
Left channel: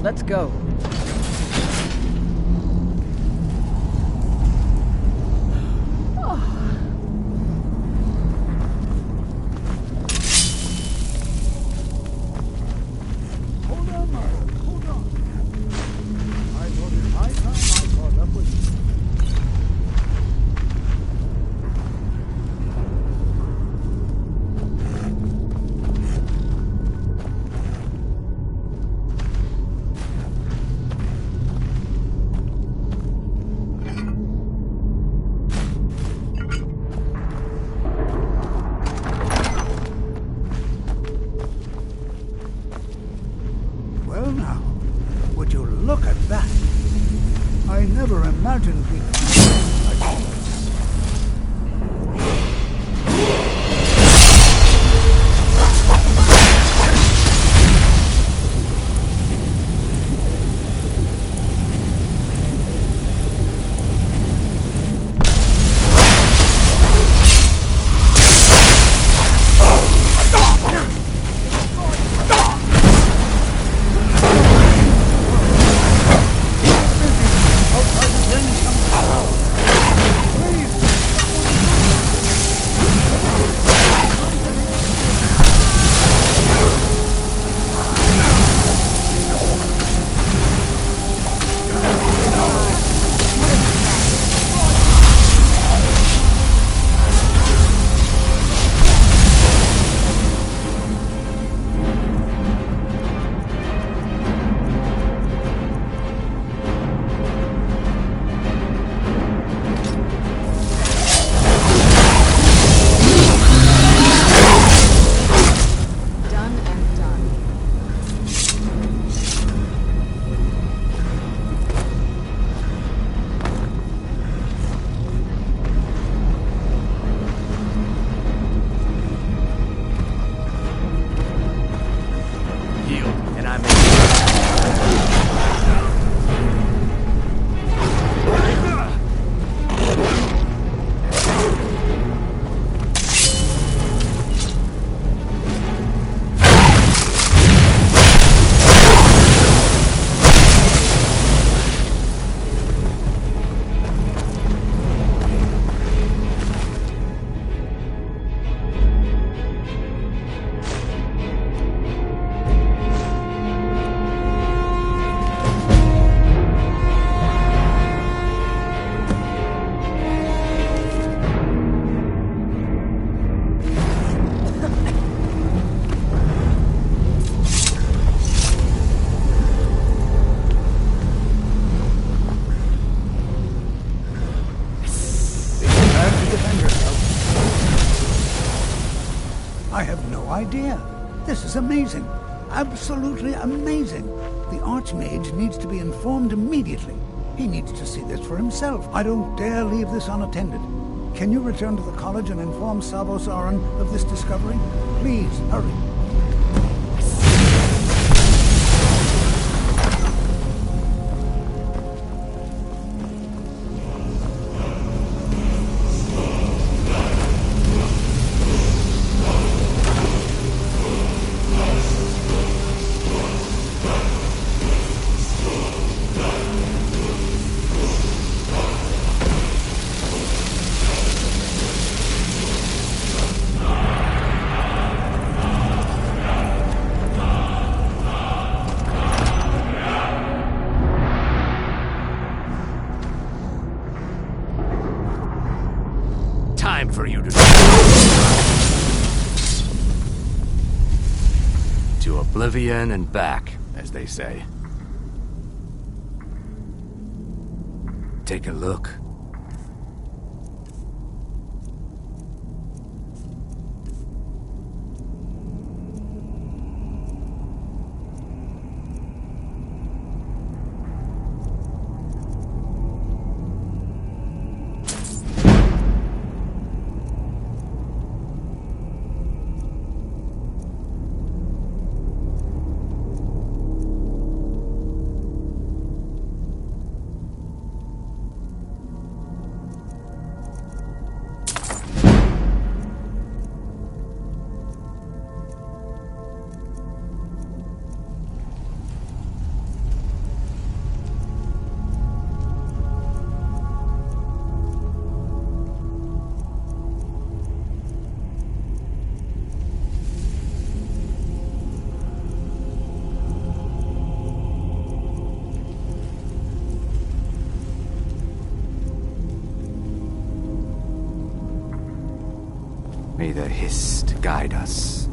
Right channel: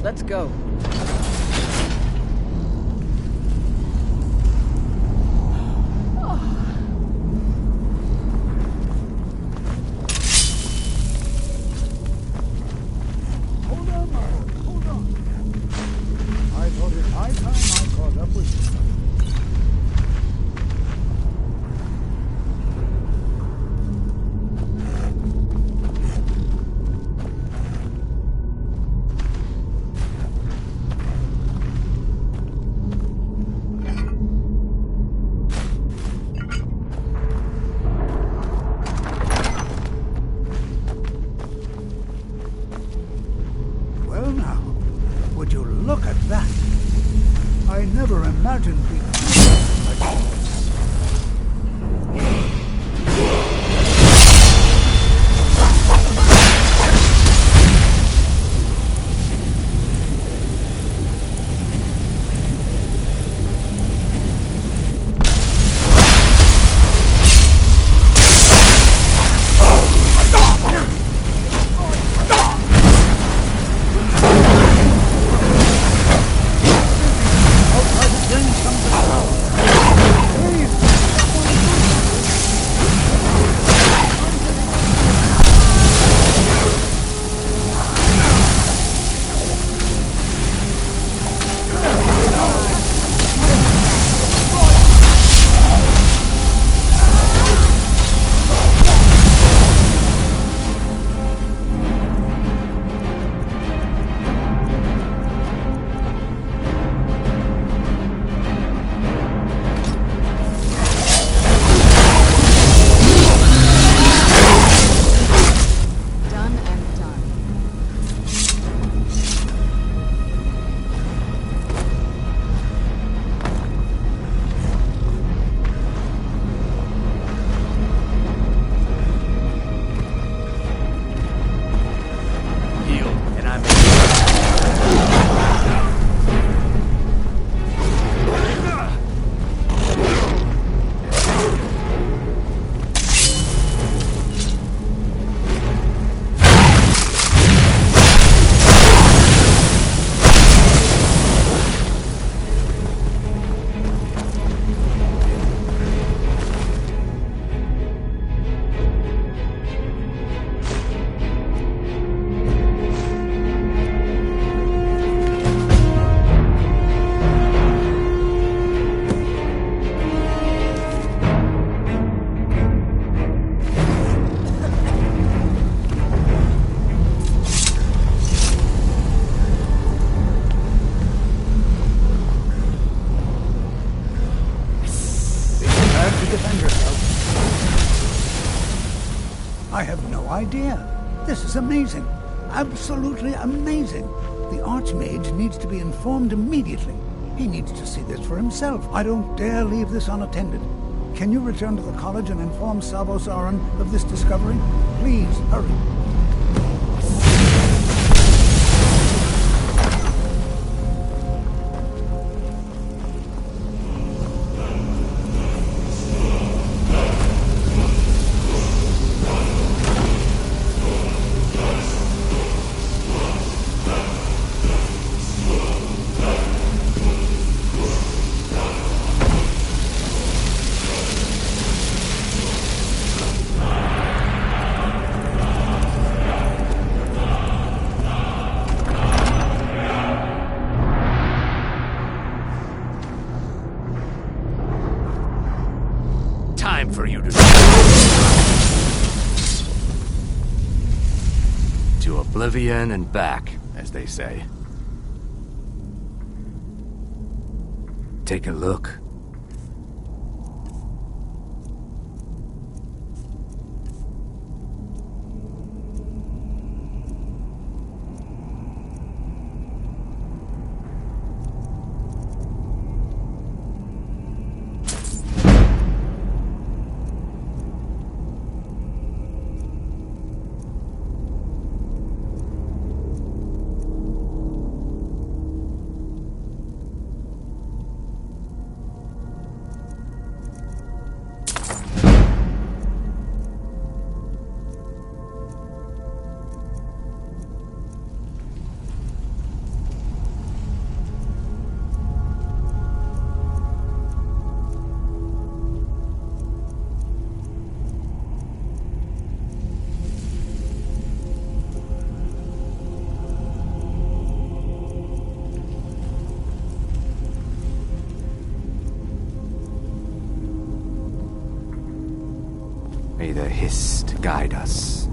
Let's go. Hold on, Marvel. Hold on. I thought it high time I caught up with you. Well now, would you look at that? I never imagined we'd like this. I have no idea. This is amazing. Absolutely amazing. The Archmage needs to be informed immediately. He needs to see this for himself. I don't dare leave this unattended. Can you return to the college and inform Savos Aran of this discovery? Please, hurry. Time for you to oblivion and back, as they say. Take a look. May the Hist guide us.